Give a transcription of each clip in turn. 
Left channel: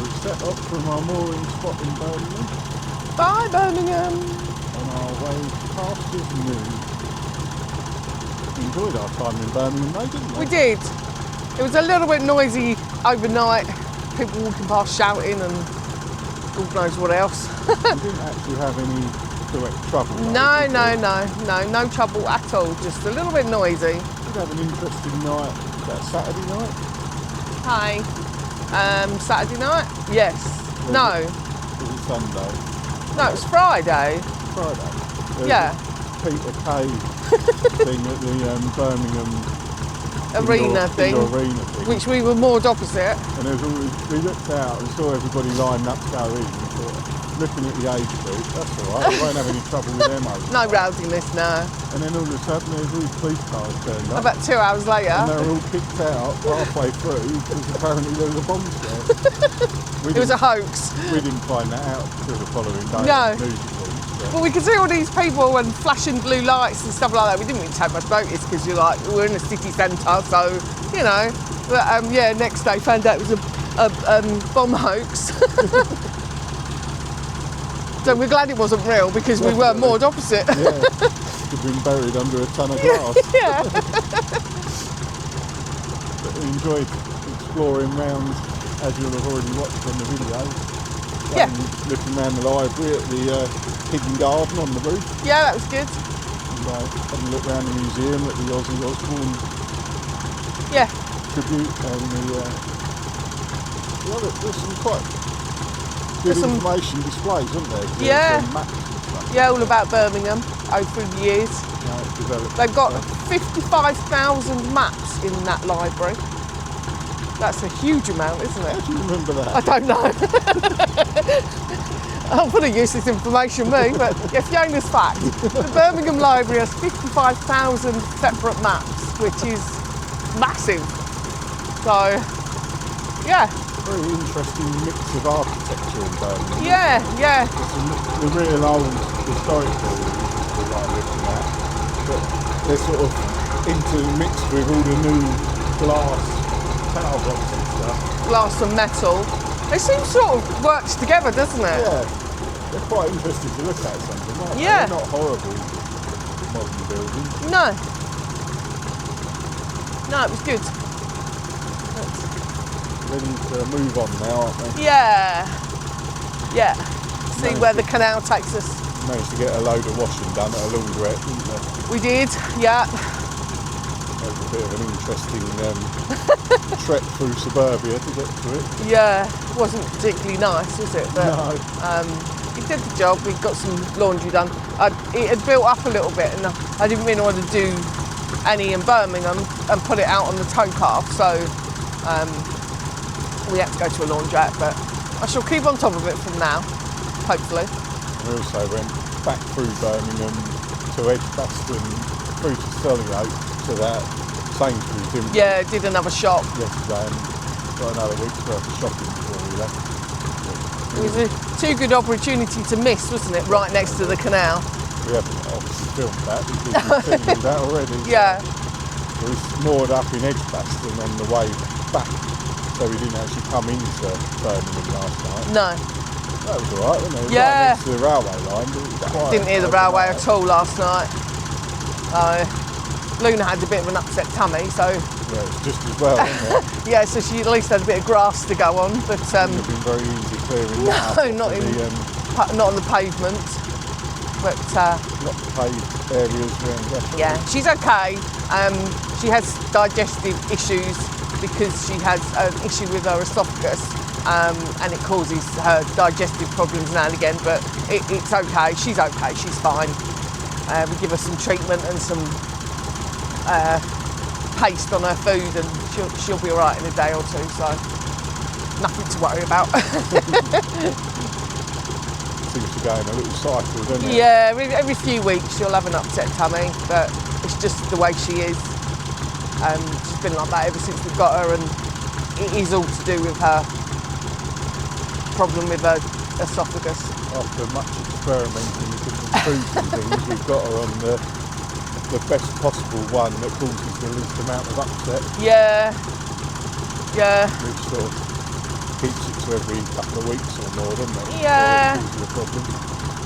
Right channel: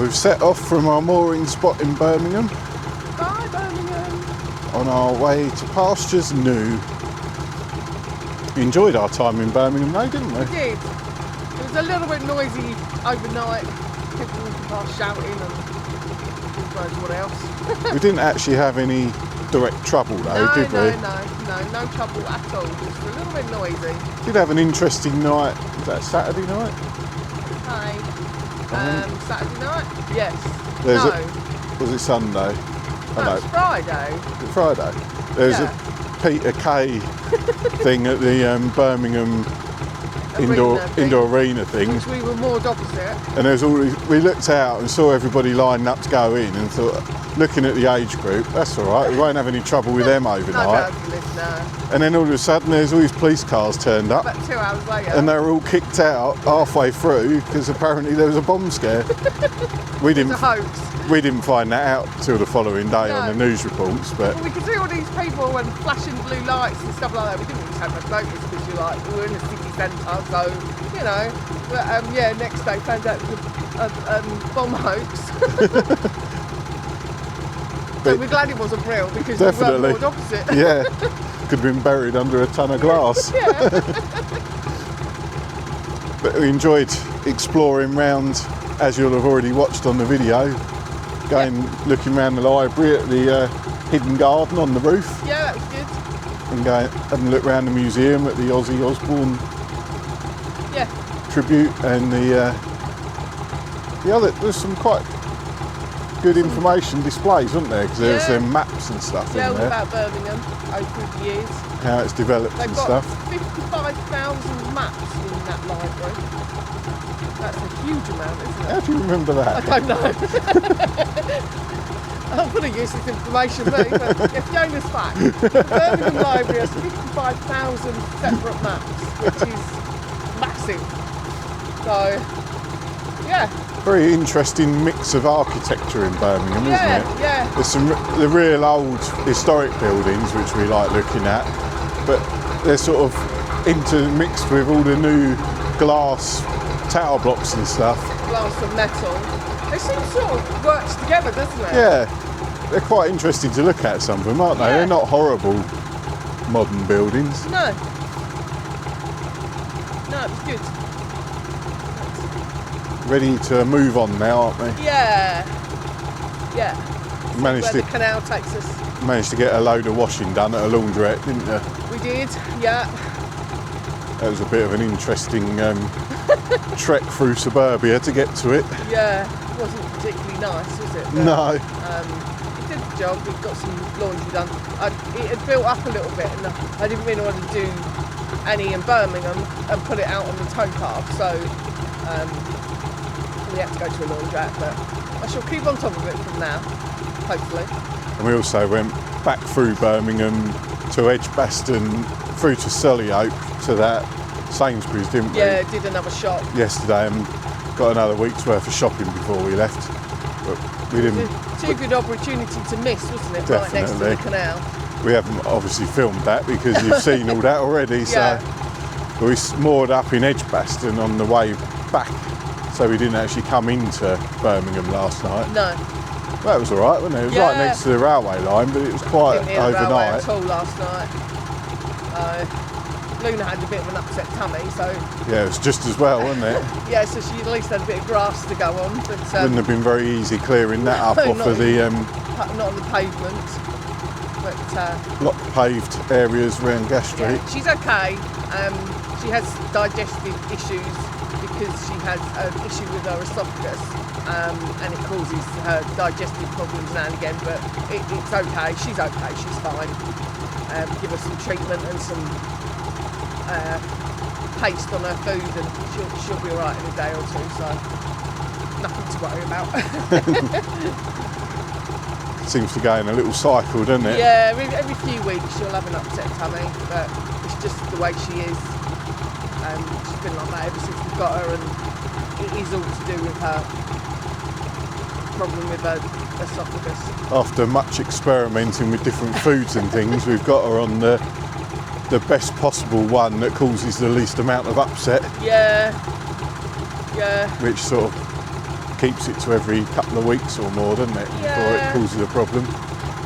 We've set off from our mooring spot in Birmingham. Bye, Birmingham. On our way to pastures new. We enjoyed our time in Birmingham though, didn't we? We did. It was a little bit noisy overnight. People walking past shouting and God knows what else. We didn't actually have any direct trouble though, No, did no, we? no trouble at all. Just a little bit noisy. Did have an interesting night that Saturday night. Hey. Saturday night? Yes. Was it Sunday? No, it's Friday. Friday. There's Yeah. a Peter Kay thing at the Birmingham indoor arena thing. Which we were moored opposite. And there was we looked out and saw everybody lined up to go in and thought, looking at the age group, that's all right, we won't have any trouble with them overnight. No rowdiness, no. And then all of a sudden there's all these police cars turned up. About 2 hours later. And they were all kicked out halfway through because apparently there was a bomb scare. It was a hoax. We didn't find that out till the following day on the news reports. But well, we could see all these people and flashing blue lights and stuff like that. We didn't even take much notice because we're in a city centre, so, you know. But yeah, next day found out it was a bomb hoax. So we're glad it wasn't real because Definitely. we weren't moored opposite. Yeah, could have been buried under a ton of glass. Yeah. But we enjoyed exploring round, as you'll have already watched on the video, looking around the library at the hidden garden on the roof. Yeah, that was good. And having a look around the museum at the Ozzy Osbourne tribute and there's some quite good information displays, wasn't there? 'Cause there's maps and stuff. Yeah, all about Birmingham through the years. How it's developed. They've got stuff. 55,000 maps in that library. That's a huge amount, isn't it? How do you remember that? I don't know. I'm pretty useless information, me, but yeah, Fiona's fact. The Birmingham Library has 55,000 separate maps, which is massive. So, yeah. Very interesting mix of architecture in Birmingham, isn't it? Yeah. There's some the real old historic buildings which we like looking at, but they're sort of intermixed with all the new glass tower blocks and stuff. Glass and metal. They seem sort of works together, doesn't it? Yeah, they're quite interesting to look at, some of them, aren't they? Yeah. They're not horrible modern buildings. No. No, it was good. Ready to move on now, aren't we? Yeah. Yeah. See Managed where to- the canal takes us. Managed to get a load of washing done at a laundrette, didn't you? We did, yeah. That was a bit of an interesting trek through suburbia to get to it. Yeah, it wasn't particularly nice, was it? But, No. we did the job, we got some laundry done. It had built up a little bit and I didn't really want to do any in Birmingham and put it out on the towpath, so we had to go to a laundrette, but I shall keep on top of it from now, hopefully. And we also went back through Birmingham to Edgbaston, through to Sollyoke, to that Sainsbury's, didn't we? Yeah, did another shop. Yesterday, and got another week's worth of shopping before we left. But we It was didn't. a too good opportunity to miss, wasn't it? Right next to the Definitely. canal. We haven't obviously filmed that because you've seen all that already. Yeah. So we moored up in Edgbaston on the way back, so we didn't actually come into Birmingham last night. No, That was all right, wasn't it? It was Yeah. right next to the railway line, but it was quiet. didn't hear the railway at all last night. Luna had a bit of an upset tummy, so Yeah, it was just as well, wasn't it? yeah, so she at least had a bit of grass to go on, but Wouldn't have been very easy clearing that up No, off not of the not on the pavement. But not paved areas around Gas Street. yeah, she's okay. She has digestive issues because she has an issue with her esophagus, and it causes her digestive problems now and again. But it's okay. She's okay. She's fine. We give her some treatment and some paste on her food, and she'll be all right in a day or two. So nothing to worry about. Seems to go in a little cycle, doesn't it? Yeah, every few weeks she'll have an upset tummy, but it's just the way she is. She's been like that ever since we got her, and it is all to do with her problem with her esophagus. After much experimenting with different foods and things, we've got her on the best possible one that causes the least amount of upset, Yeah, which sort of keeps it to every couple of weeks or more, doesn't it? Yeah. Before it causes a problem.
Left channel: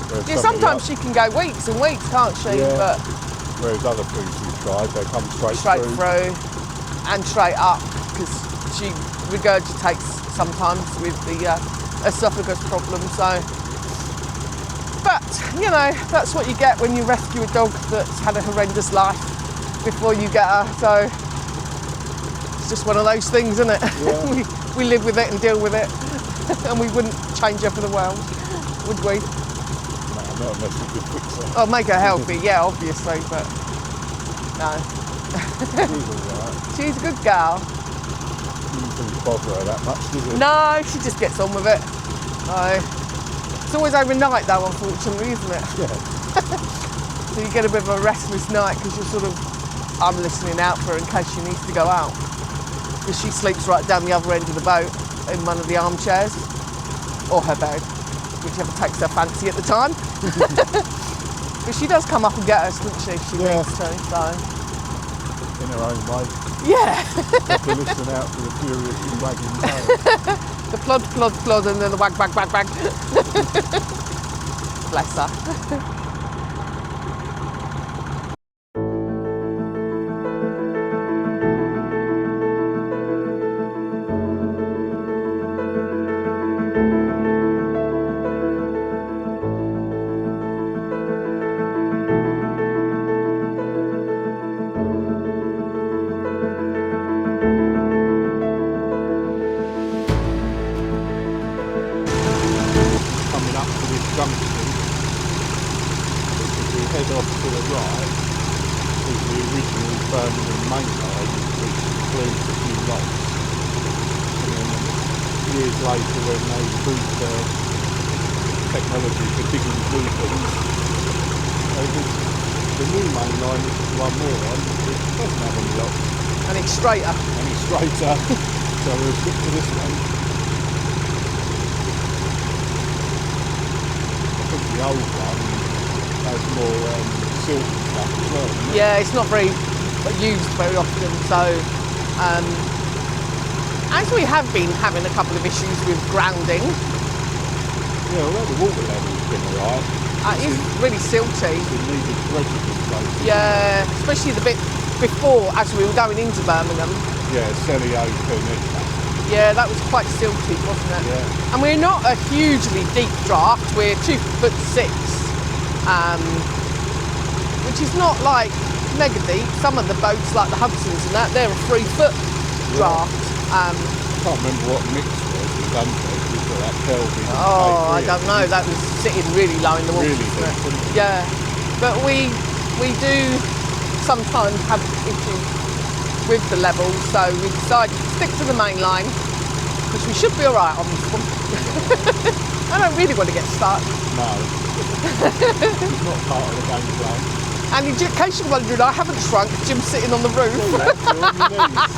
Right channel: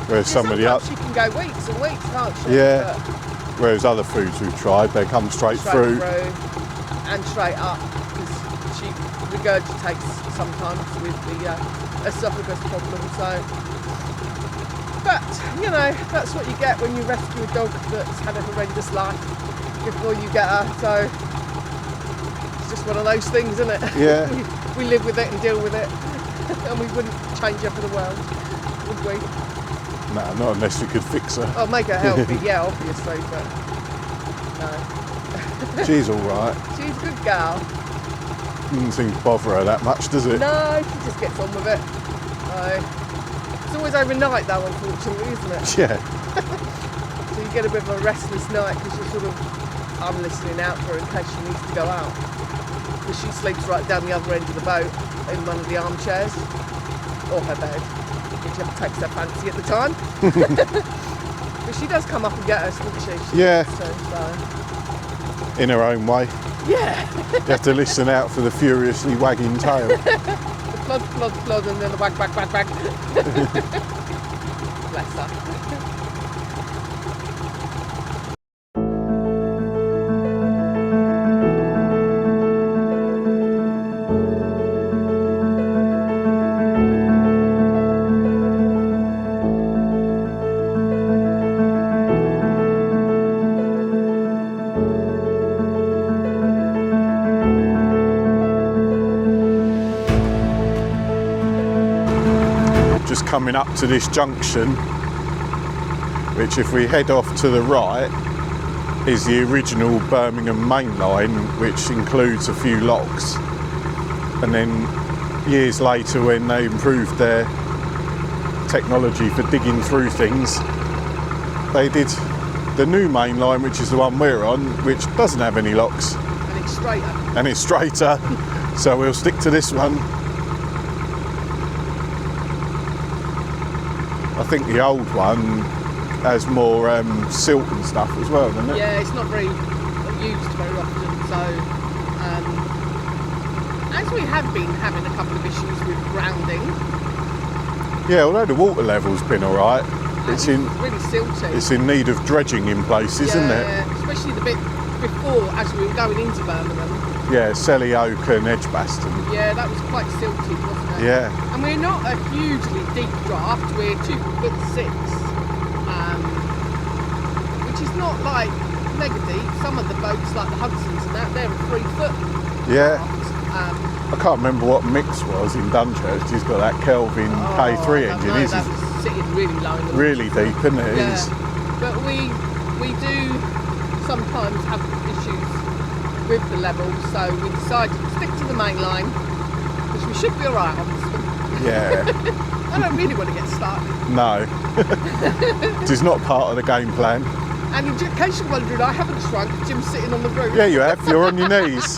Whereas Yeah, some of the sometimes she can go weeks and weeks, can't she? Yeah. But whereas other foods we've tried, they come straight through. and straight up, because she regurgitates sometimes with the esophagus problem. So, but you know, that's what you get when you rescue a dog that's had a horrendous life before you get her. So it's just one of those things, isn't it? Yeah. we live with it and deal with it, and we wouldn't change her for the world, would we? No, not unless we could fix her. Oh, make her healthy, yeah, obviously, but no. She's all right. She's a good girl. Doesn't seem to bother her that much, does it? No, she just gets on with it. It's always overnight though, unfortunately, isn't it? Yeah. So you get a bit of a restless night because you're sort of, I'm listening out for her in case she needs to go out. Because she sleeps right down the other end of the boat in one of the armchairs, or her bed, whichever takes her fancy at the time. But she does come up and get us, doesn't she? She Yeah. needs to, so. In her own way. Yeah. You have to listen out for the furiously wagging tail. The plod, plod, plod, and then the wag, wag, wag, wag. Bless her. Just coming up to this junction, which if we head off to the right is the original Birmingham Main Line, which includes a few locks. And then years later, when they improved their technology for digging through things, they did the new main line, which is the one we're on, which doesn't have any locks. And it's straighter. And it's straighter. So we'll stick to this one. I think the old one has more silt and stuff as well, doesn't it? Yeah, it's not very used very often, so as we have been having a couple of issues with grounding. Yeah, although the water level's been all right, It's really silty. it's in need of dredging in places, Yeah, isn't it? especially the bit before, as we were going into Birmingham. Yeah, Selly Oak and Edgbaston. Yeah, that was quite silty, wasn't it? Yeah. And we're not a hugely deep draft. We're 2'6", which is not like mega deep. Some of the boats, like the Hudsons and that, they're a 3 foot Yeah. draft. I can't remember what mix was in Dunkirk. You've got that Kelvin I K3 don't engine, know. isn't That it? was sitting really low in the water. Really deep, isn't it? It Yeah. is. But we do sometimes have issues with the levels, so we decided to stick to the main line, which we should be all right on this one. Yeah. I don't really want to get stuck. No. This is not part of the game plan. And in case you're wondering, I haven't shrunk. Jim's sitting on the roof. Yeah, you have. You're on your knees.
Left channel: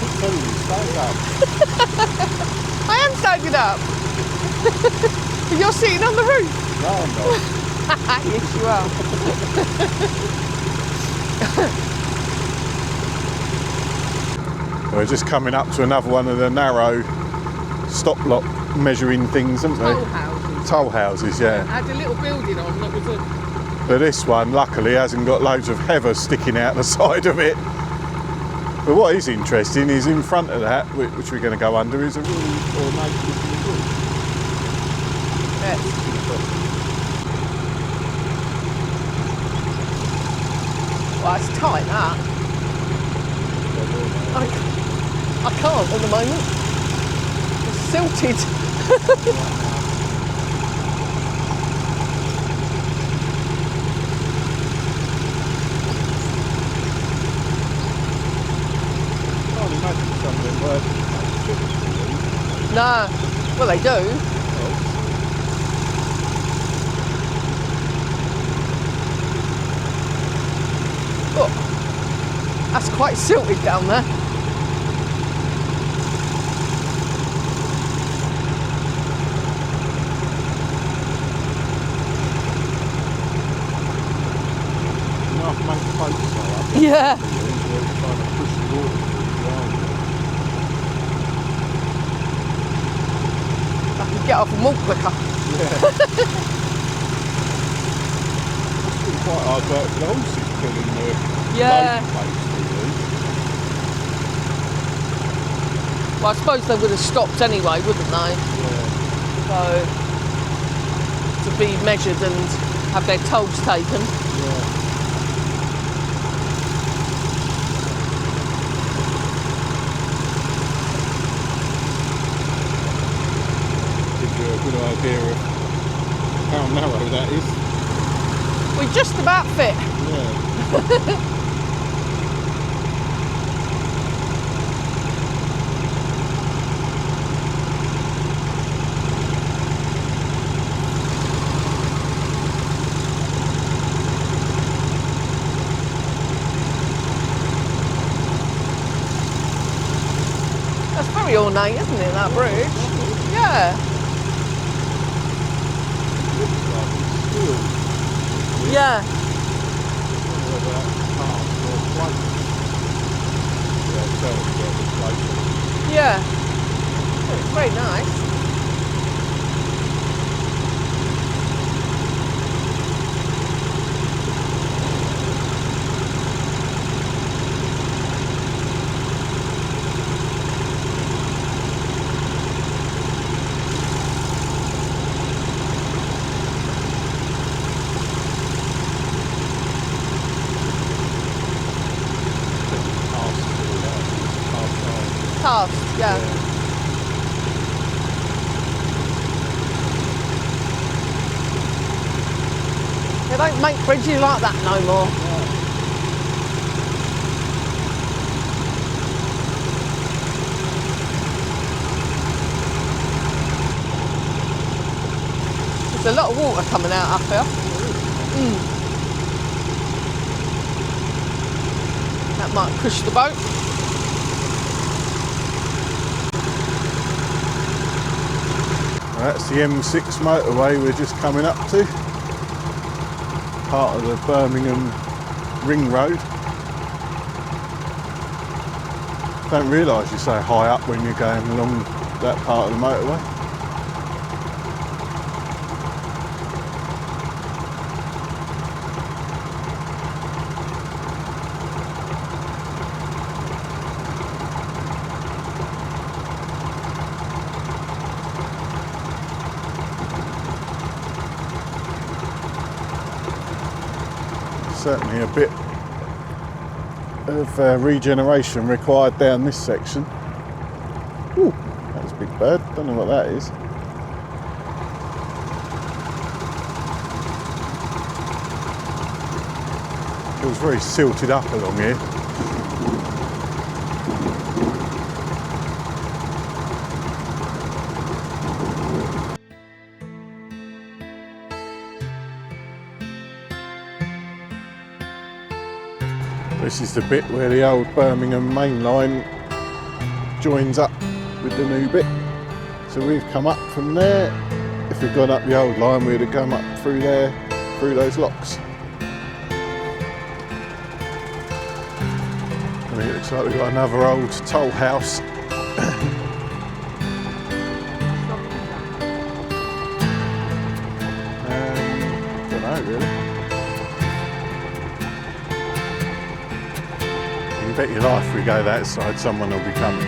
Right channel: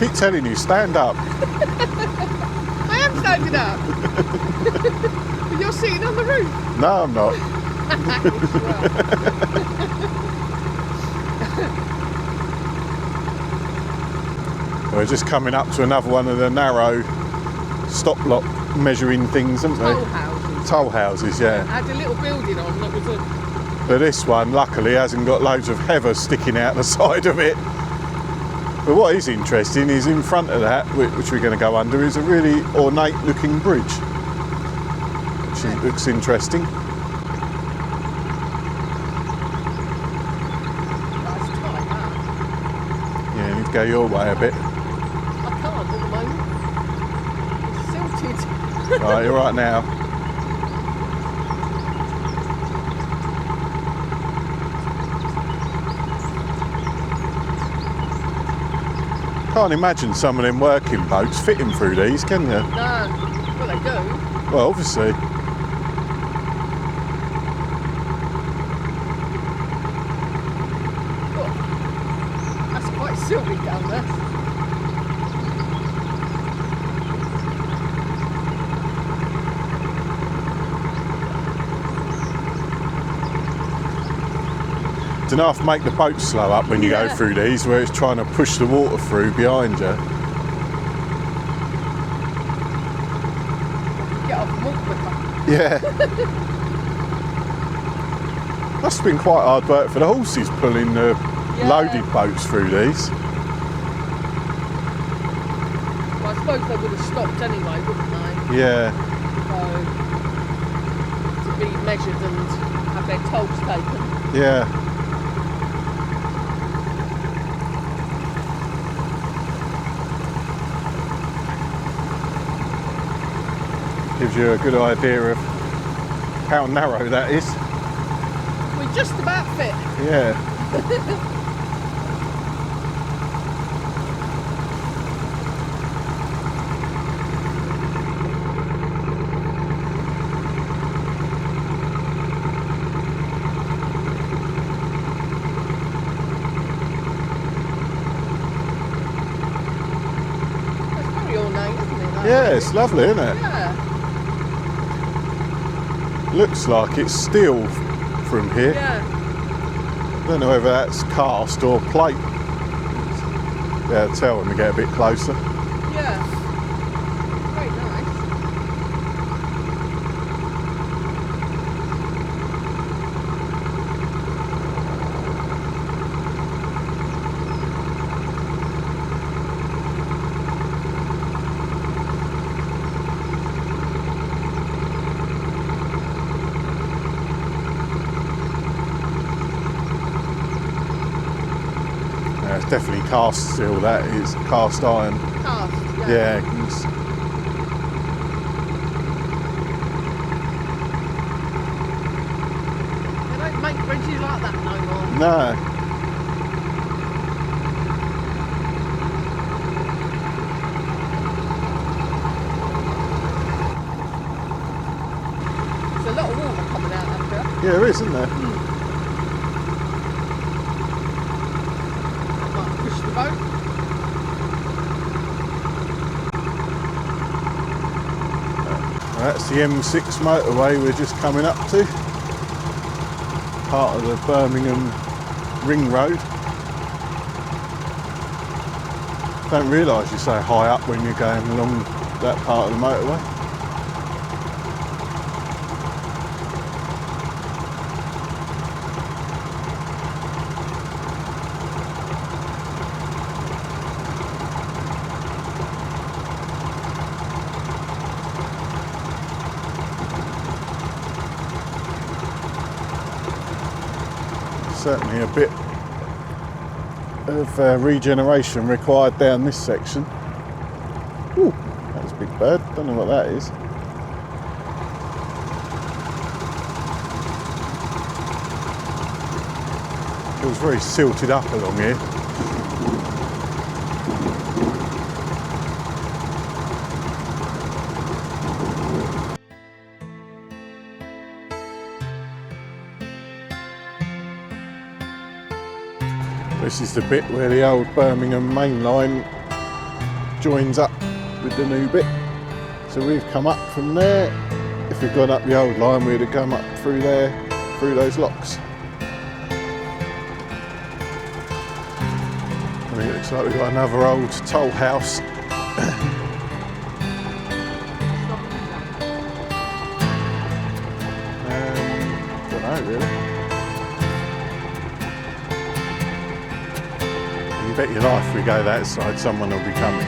Keep telling you, stand up. I am standing up. But you're sitting on the roof. No, I'm not. Yes, you are. We're just coming up to another one of the narrow stop lock measuring things, haven't Toll they? houses. Toll houses, yeah. Had a little building on that was a... But this one, luckily, hasn't got loads of heather sticking out the side of it. But what is interesting is in front of that, which we're going to go under, is a really ornate looking bridge. Yes. It looks interesting. Well, it's tight, that. Yeah, you go your way a bit. I can't at the moment. It's silted. Right, you're right now. Can't imagine some of them working boats fitting through these, can you? No. Well, they do. Well, obviously. Look. That's quite silted down there. don't know if it make the boat slow up when you go through these, where it's trying to push the water through behind you. I can get off and walk quicker. Yeah. Must have been quite hard work for the horses pulling the loaded boats through these. Well, I suppose they would have stopped anyway, wouldn't they? Yeah. So, to be measured and have their tolls taken. Yeah. Gives you a good idea of how narrow that is. We just about fit. Yeah. That's very ornate, isn't it? That Yeah, bridge? it's lovely, isn't it? Yeah. Looks like it's steel from here. Yeah. I don't know whether that's cast or plate. Yeah, tell when we get a bit closer. Yeah. Oh, it's very nice. Definitely cast steel, that is cast iron. Cast, yeah. Yeah. They don't make bridges like that no more. No. There's a lot of water coming out up here. Yeah, there is, isn't there? That might push the boat. That's the M6 motorway we're just coming up to. Part of the Birmingham Ring Road. Don't realise you're so high up when you're going along that part of the motorway. Certainly a bit of regeneration required down this section. Ooh, that was a big bird. Don't know what that is. Feels very silted up along here. This is the bit where the old Birmingham Main Line joins up with the new bit. So we've come up from there. If we'd gone up the old line, we'd have come up through there, through those locks. I mean, it looks like we've got another old toll house. Don't know really. You bet your life we go that side, someone will be coming.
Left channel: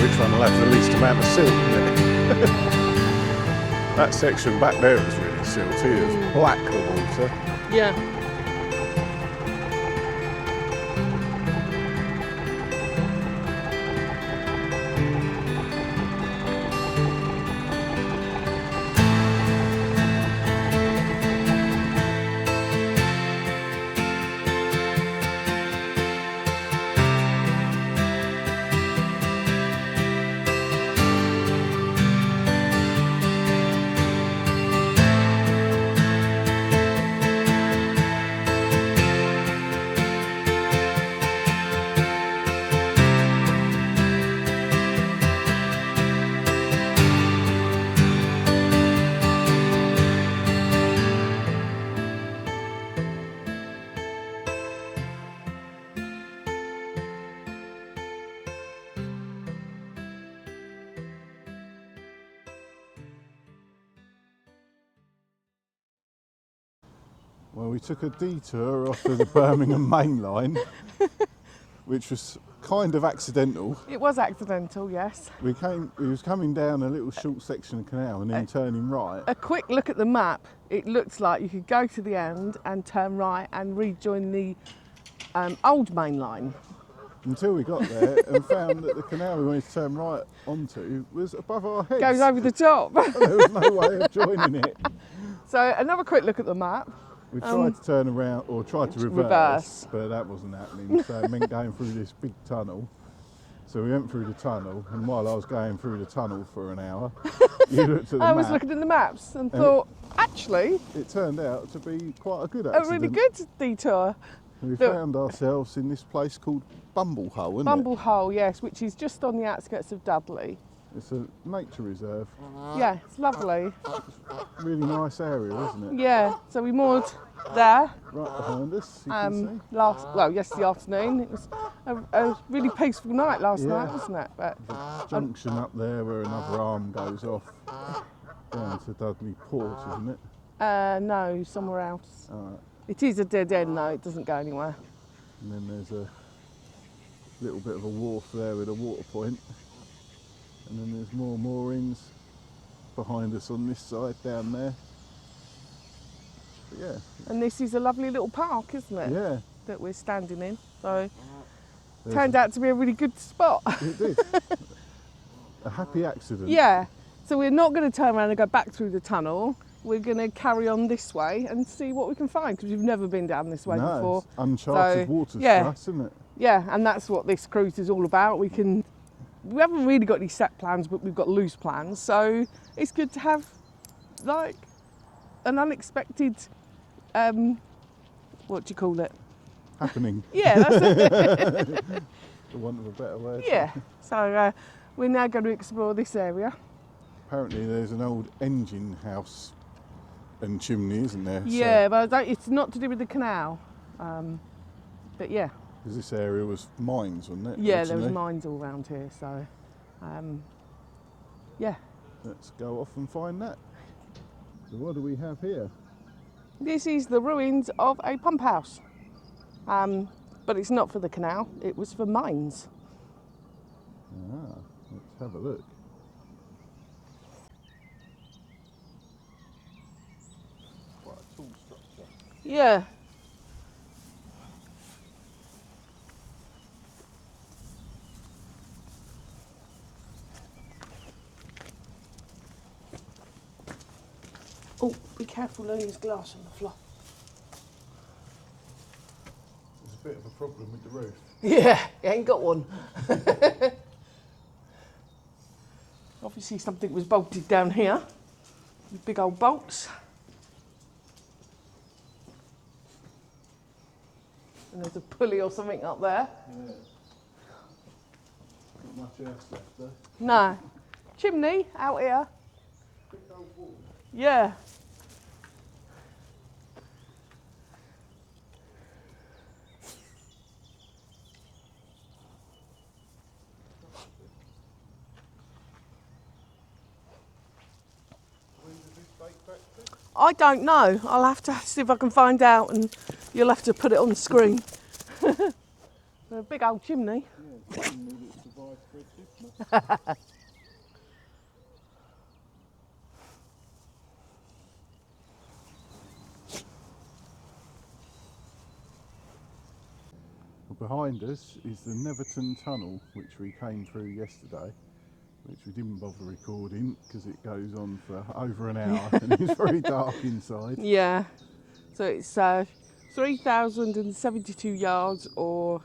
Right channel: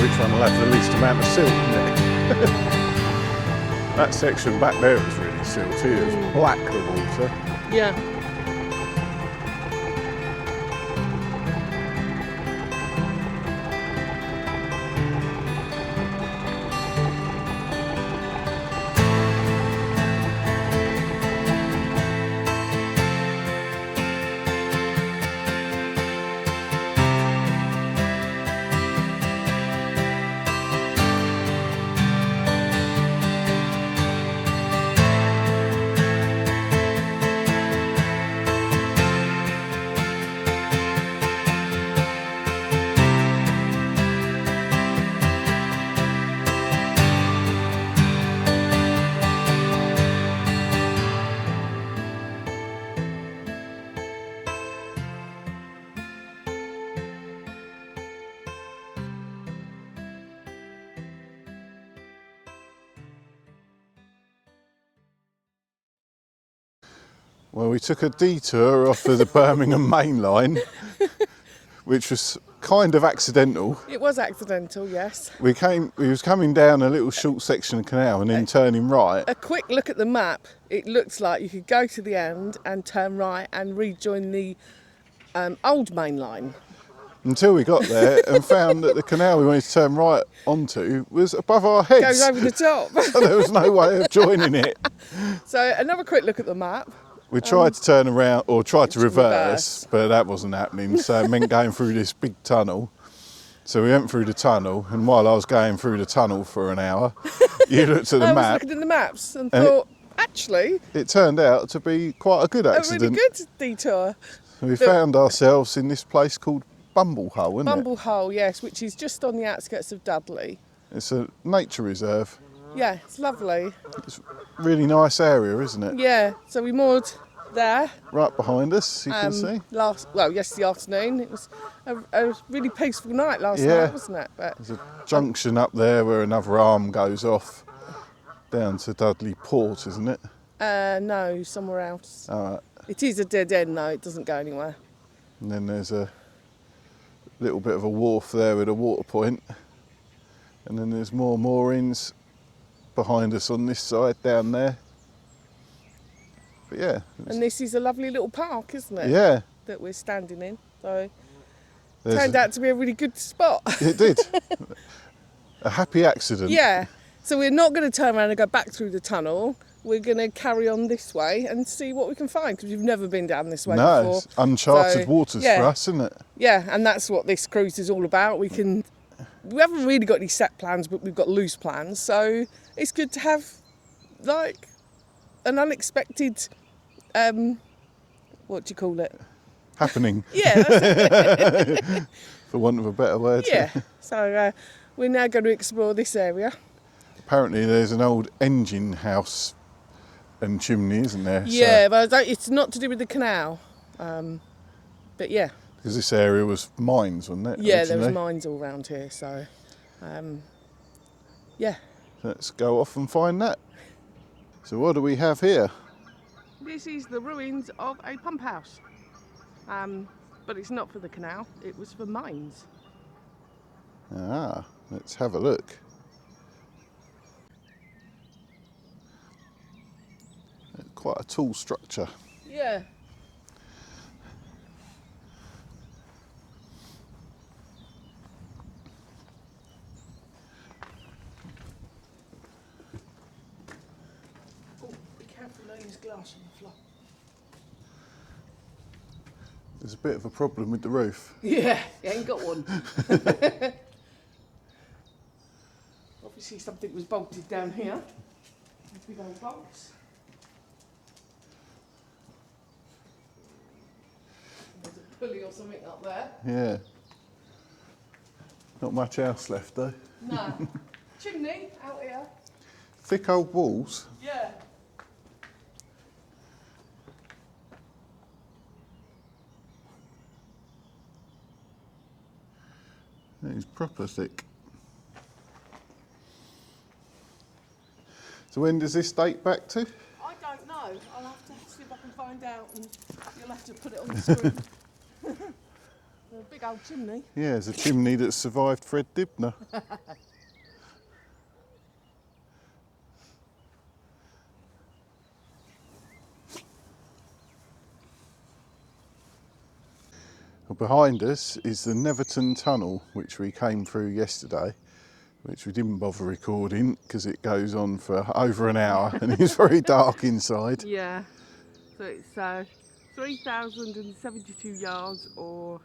Which one will have the least amount of silt in it. That section back there was really silty, it was black, the water. Yeah. Well, we took a detour off of the Birmingham Main Line, which was kind of accidental. It was accidental, yes. We was coming down a little short section of canal and then turning right. A quick look at the map, it looks like you could go to the end and turn right and rejoin the old main line. Until we got there and found that the canal we wanted to turn right onto was above our heads. Goes over the top. So there was no way of joining it. So another quick look at the map. We tried to turn around, or tried to reverse, but that wasn't happening. So it meant going through this big tunnel. So we went through the tunnel, and while I was going through the tunnel for an hour, you looked at the I map. was looking at the maps and thought, actually, It turned out to be quite a good accident. a really good detour. We found ourselves in this place called Bumble Hole, isn't Bumble Hole, yes, which is just on the outskirts of Dudley. it? It's a nature reserve. Yeah, it's lovely. It's a really nice area, isn't it? Yeah, so we moored there. Right behind us, you can see. Yesterday afternoon. It was a really peaceful night last night, wasn't it? But There's a junction up there where another arm goes off down to Dudley Port, isn't it? no, somewhere else. All right. It is a dead end though, it doesn't go anywhere. And then there's a little bit of a wharf there with a water point. And then there's more moorings behind us on this side down there. But yeah. And this is a lovely little park, isn't it? Yeah. That we're standing in. So There's turned out to be a really good spot. It did. A happy accident. Yeah. So we're not going to turn around and go back through the tunnel. We're going to carry on this way and see what we can find because we've never been down this way No, before. it's uncharted So, waters yeah. for us, isn't it? Yeah, and that's what this cruise is all about. We haven't really got any set plans, but we've got loose plans. So it's good to have like an unexpected, what do you call it? Happening, Yeah, that's it. for want of a better word. Yeah. So we're now going to explore this area. Apparently there's an old engine house and chimney, isn't there? Yeah, but it's not to do with the canal. But yeah. Because this area was mines, wasn't it? Yeah, there was originally? mines all around here. So, yeah. Let's go off and find that. So what do we have here? This is the ruins of a pump house. But it's not for the canal, it was for mines. Ah, let's have a look. Quite a tall structure. Yeah. Oh, be careful, there's glass on the floor. There's a bit of a problem with the roof. Yeah, you ain't got one. Obviously something was bolted down here. Big old bolts. And there's a pulley or something up there. Yeah. Not much else left though. No. Chimney out here. Thick old walls. Yeah. It's proper thick. So when does this date back to? I don't know. I'll have to see if I can find out and you'll have to put it on the screen. A big old chimney. Yeah, it's a chimney that survived Fred Dibner. Well, behind us is the Neverton Tunnel, which we came through yesterday, which we didn't bother recording because it goes on for over an hour and it's very dark inside. Yeah. So it's 3,072 yards or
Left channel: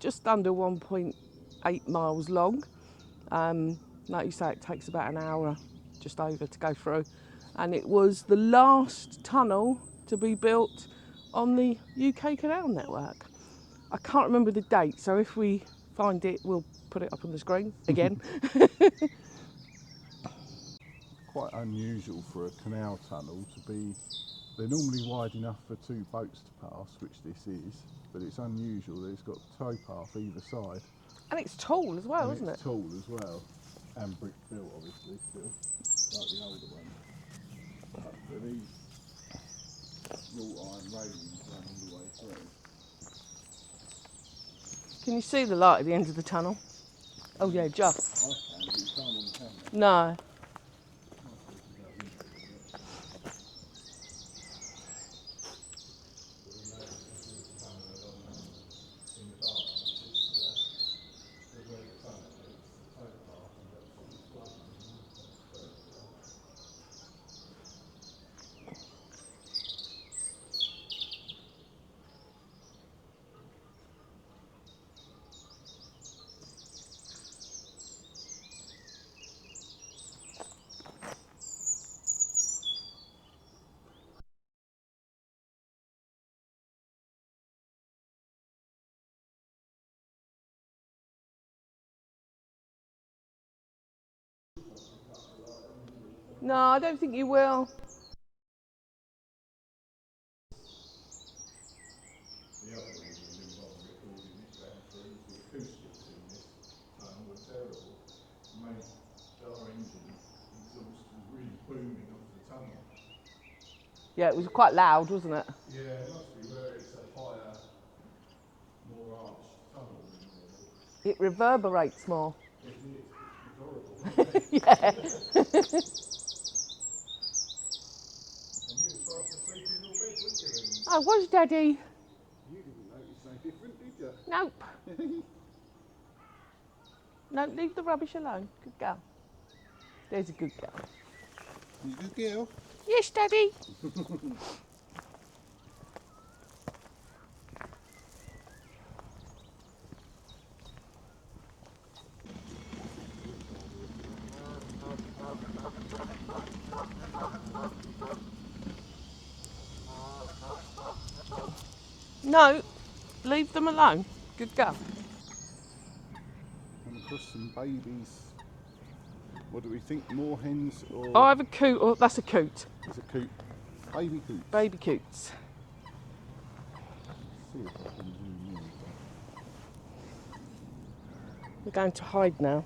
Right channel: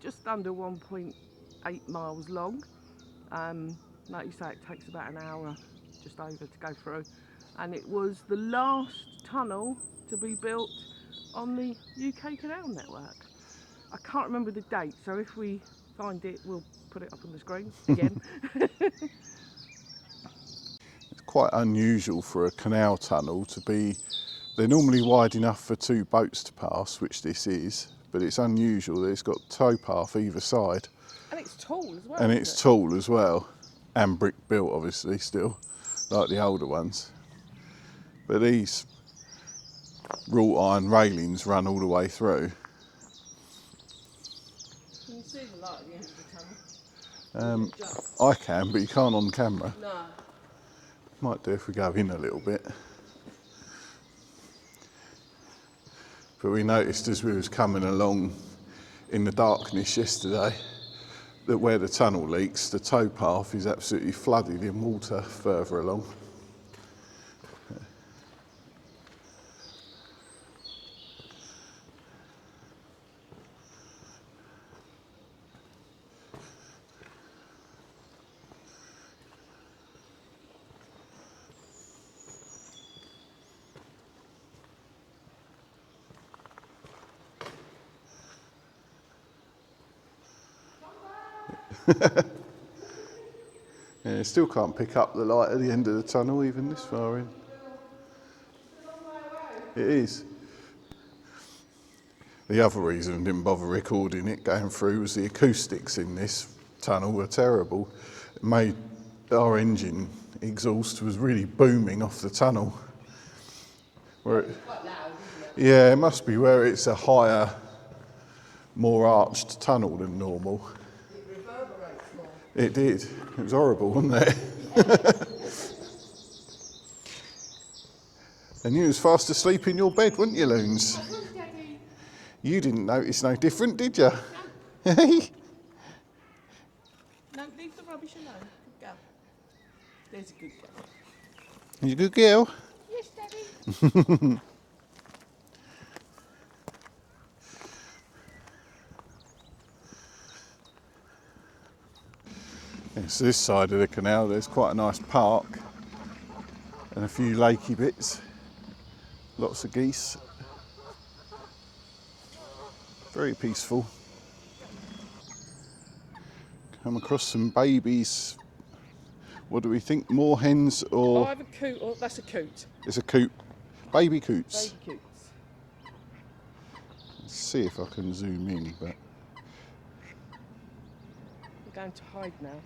just under 1.8 miles long. Like you say, it takes about an hour just over to go through. And it was the last tunnel to be built on the UK canal network. I can't remember the date, so if we find it, we'll put it up on the screen again. It's quite unusual for a canal tunnel to be, they're normally wide enough for two boats to pass, which this is, but it's unusual that it's got towpath either side. And it's tall as well. And isn't it's it? tall as well, and brick built obviously still, like the older ones. But these wrought iron railings run all the way through. Can you see the light at the end of the tunnel? Oh yeah, just. I can, but you can't on camera. No. Might do if we go in a little bit. But we noticed as we was coming along in the darkness yesterday that where the tunnel leaks, the towpath is absolutely flooded in water further along. Yeah, you still can't pick up the light at the end of the tunnel. No, I don't think you will. It is. The other reason I didn't bother recording it going through was the acoustics in this tunnel were terrible. It made our engine exhaust was really booming off the tunnel. Yeah, it was quite loud, wasn't it? Yeah, it must be where it's a higher, more arched tunnel than normal. It reverberates more. It did. It was horrible, wasn't it? Yeah. And you was fast asleep in your bed, weren't you, Loons? I was, Daddy. You didn't notice no different, did you? Nope. Hey? No, leave the rubbish alone. Good girl. There's a good girl. You a good girl? Yes, Daddy. Yes, this side of the canal there's quite a nice park and a few lakey bits. Lots of geese. No, Very leave peaceful. them alone. Good girl. Come across some babies. What do we think? More hens or... Oh, I have a coot. Oh, that's a coot. It's a coot. Baby coots. Baby coots. Let's see if I can zoom in, but... We're going to hide now.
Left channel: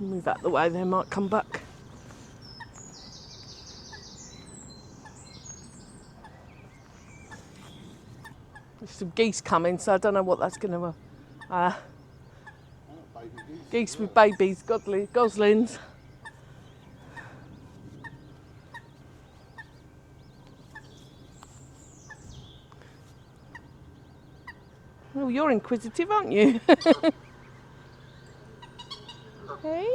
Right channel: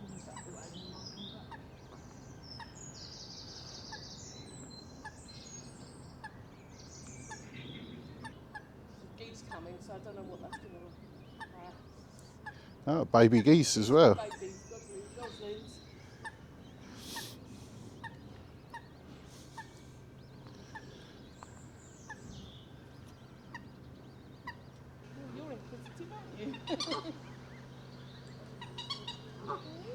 Move out the way, they might come back. There's some geese coming, so I don't know what that's going to... Oh, baby geese geese as well. with babies, goslings. Oh, you're inquisitive, aren't you? Hey.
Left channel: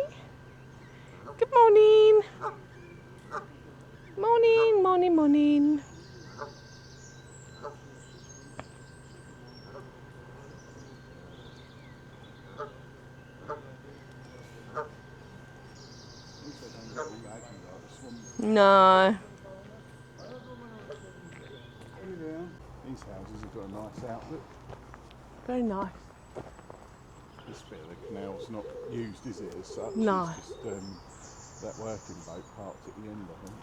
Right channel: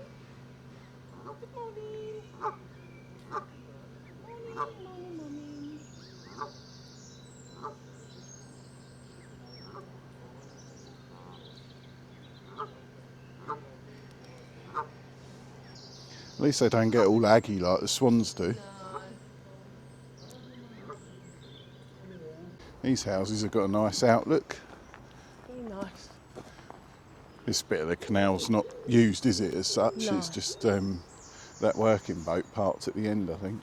Good morning. Morning, morning, morning. At least they don't get all aggy like the swans do. No. These houses have got a nice outlook. Very nice. This bit of the canal's not used, is it, as such? No. It's just that working boat parked at the end, I think.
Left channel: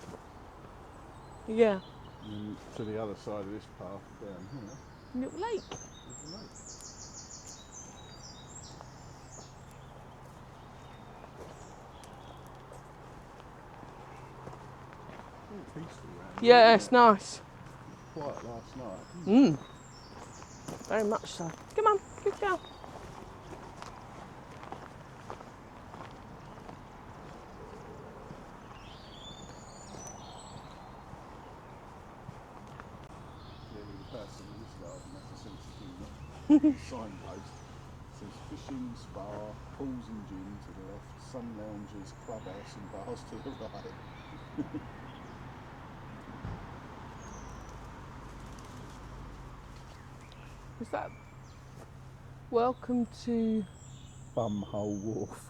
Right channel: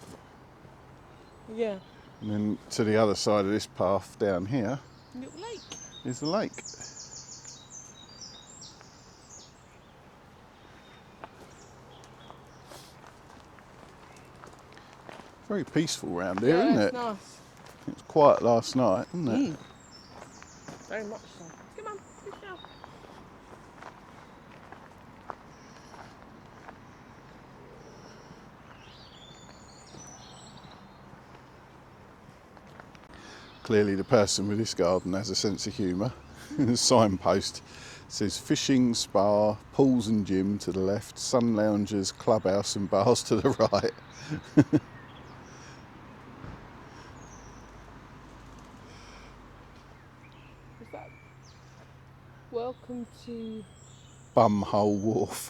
Yeah. And then to the other side of this path down here Little lake. is the lake. Very peaceful round here, Yeah, isn't it's it? nice. It was quiet last night, wasn't it? Very much so. Come on, good girl. Clearly the person with this garden has a sense of humour. The signpost says fishing, spa, pools and gym to the left, sun loungers, clubhouse and bars to the right. What's that? Welcome to... Bumhole Wharf.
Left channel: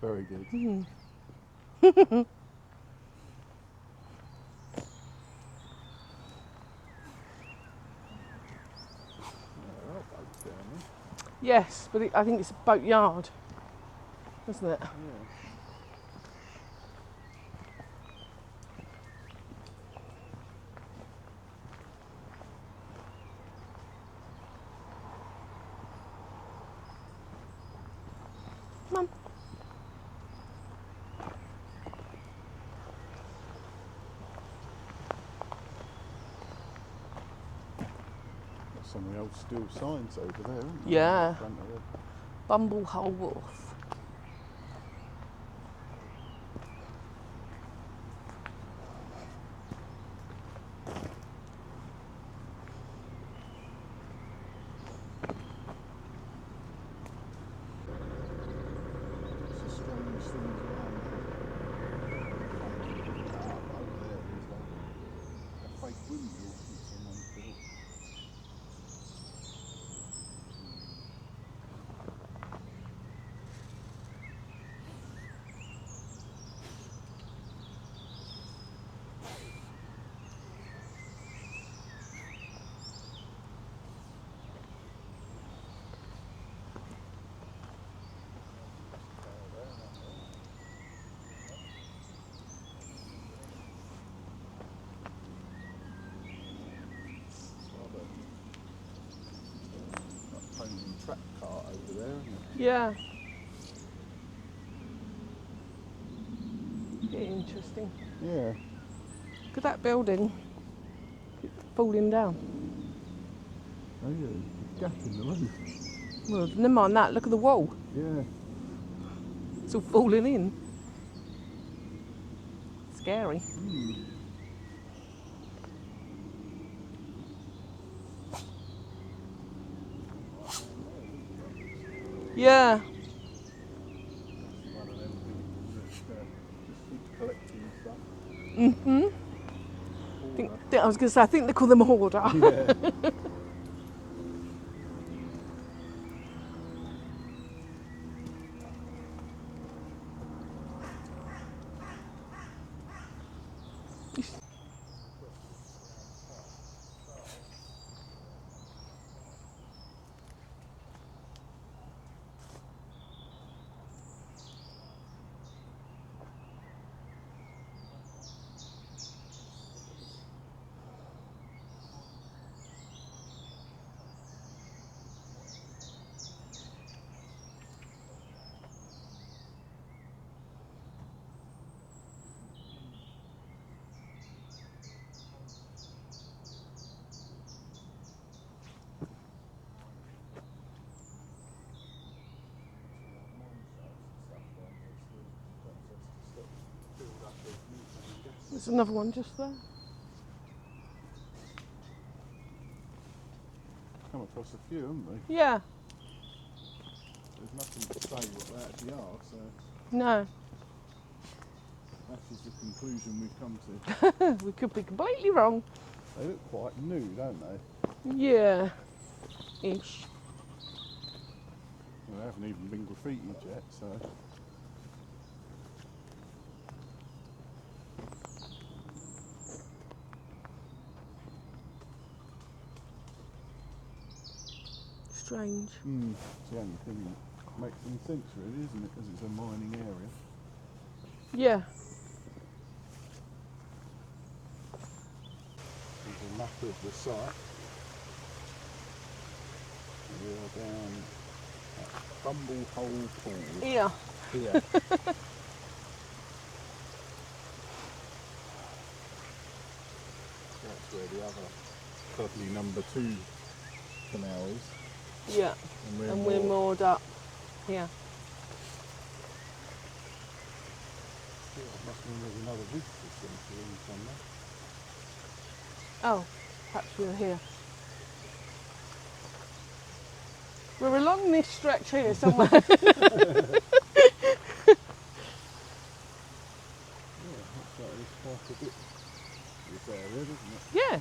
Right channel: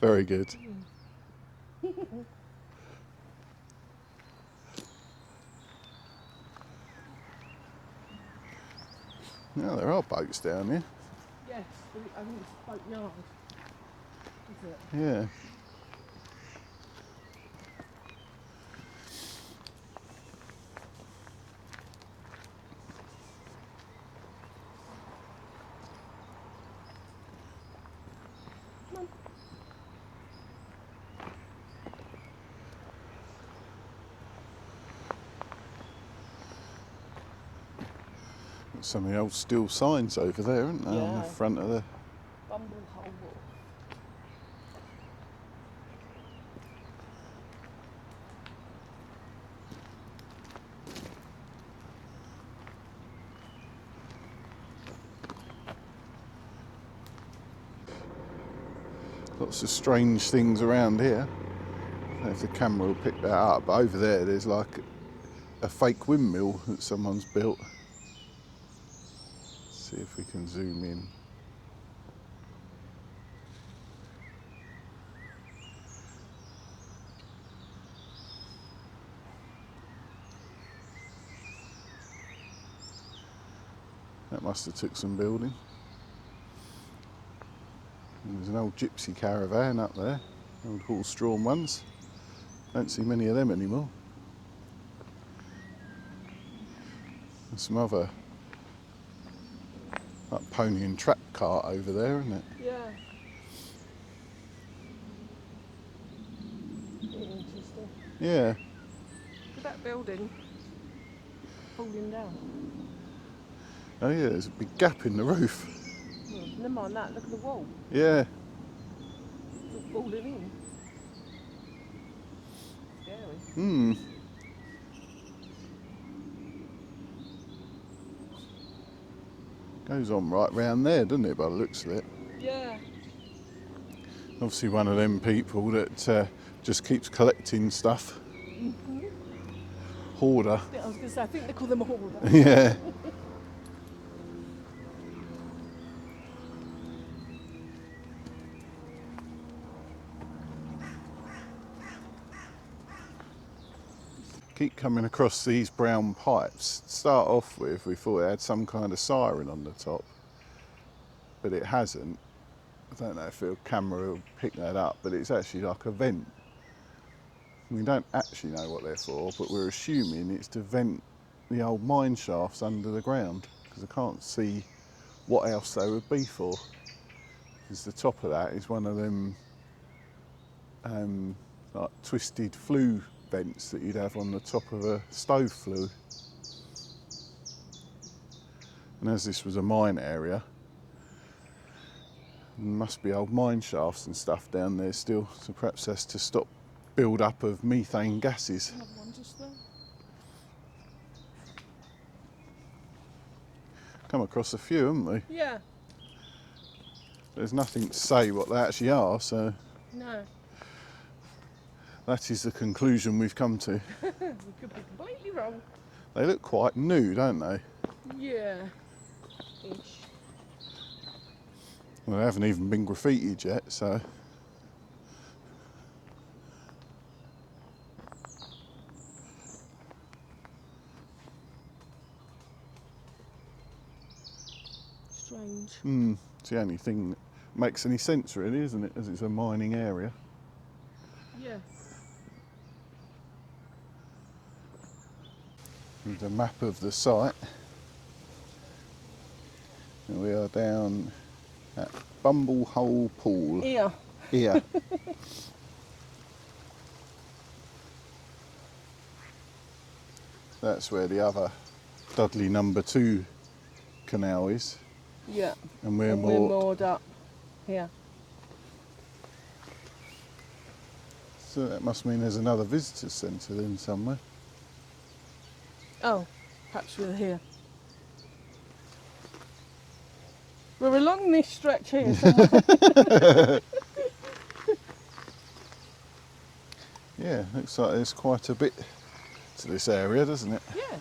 Very good. Now there are boats down here. Yes, but I think it's a boat yard, isn't it? Yeah. Come on. Some of the old steel signs over there, aren't there? Yeah. In front of the... Bumble Hole Wharf. Lots of strange things around here. If the camera will pick that up. But over there's like a fake windmill that someone's built. Let's see if we can zoom in. That must have took some building. There's an old gypsy caravan up there, old horse-drawn ones. Don't see many of them anymore. There's some other like pony and trap cart over there, isn't it? Yeah. Interesting. Yeah. Look at that building falling down. Oh yeah, there's a big gap in the roof. Well, never mind that. Look at the wall. Yeah. It's all falling in. Scary. Hmm. Goes on right round there, doesn't it, by the looks of it? Yeah. Obviously one of them people that just keeps collecting stuff. Mm-hmm. Hoarder. I was going to say, I think they call them a hoarder. Yeah. Keep coming across these brown pipes. To start off with, we thought it had some kind of siren on the top, but it hasn't. I don't know if the camera will pick that up, but it's actually like a vent. We don't actually know what they're for, but we're assuming it's to vent the old mine shafts under the ground, because I can't see what else they would be for. Because the top of that is one of them like twisted flue vents that you'd have on the top of a stove flue. And as this was a mine area, there must be old mine shafts and stuff down there still, so perhaps that's to stop build up of methane gases. Another one just there. Come across a few, haven't we? Yeah. There's nothing to say what they actually are, so No. that is the conclusion we've come to. We could be completely wrong. They look quite new, don't they? Yeah. Ish. Well, they haven't even been graffitied yet, so. Strange. It's the only thing that makes any sense, really, isn't it? As it's a mining area. Yeah. Here's a map of the site. We are down at Bumble Hole Pool. Yeah. Here. That's where the other Dudley number 2 canal is. Yeah. And we're We're moored up. Yeah. So that must mean there's another visitor centre in somewhere. Oh, perhaps we're here. We're along this stretch here somewhere. Yeah, looks like there's quite a bit to this area, doesn't it? Yeah.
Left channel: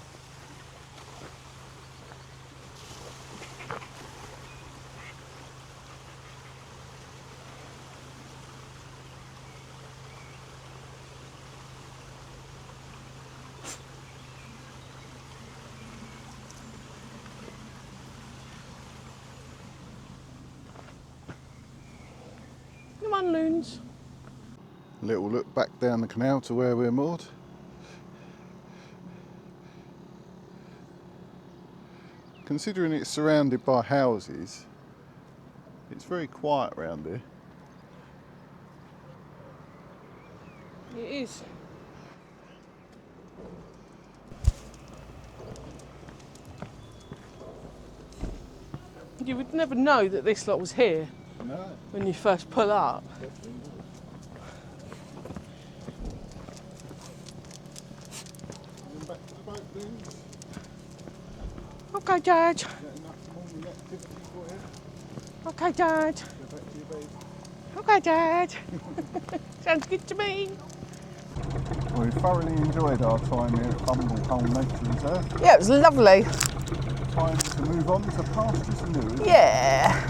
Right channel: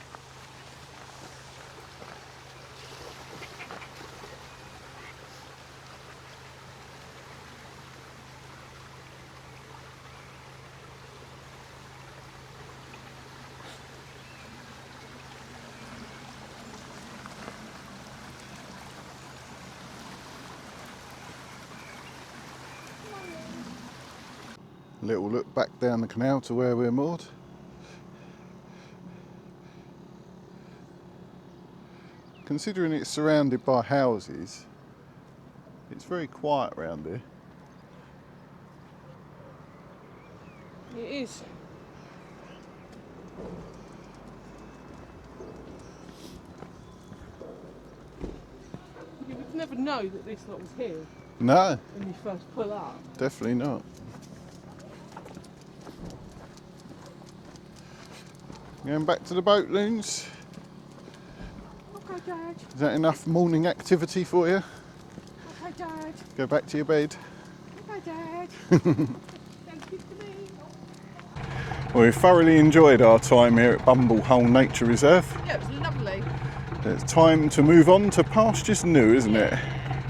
Come on, loons. Little look back down the canal to where we're moored. Considering it's surrounded by houses, it's very quiet around here. It is. You would never know that this lot was here No, when you first pull up. definitely not. Going back to the boat, Loons. Okay, Dad. Is that enough morning activity for you? Okay, Dad. Go back to your bed. Okay, Dad. Sounds good to me. Well, we thoroughly enjoyed our time here at Bumble Hole Nature Reserve. Yeah, it was lovely. It's time to move on to pastures new, isn't it? Yeah.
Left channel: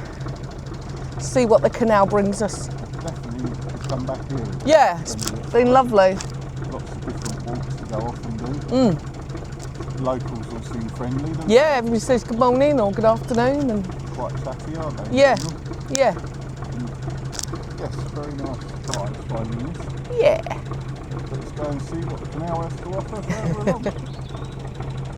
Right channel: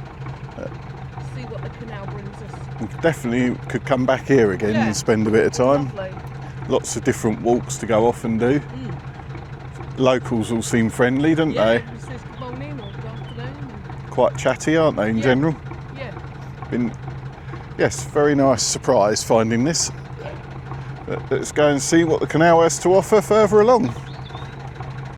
See what the canal brings us. Definitely could come back here again Yeah, and spend a bit of They're time. lovely. Lots of different walks to go off and do. Locals all seem friendly, don't Yeah, they? everybody says good morning or good afternoon. And Quite chatty, aren't they, in yeah. general? Yeah. Yes, very nice surprise finding this. Yeah. But let's go and see what the canal has to offer further along.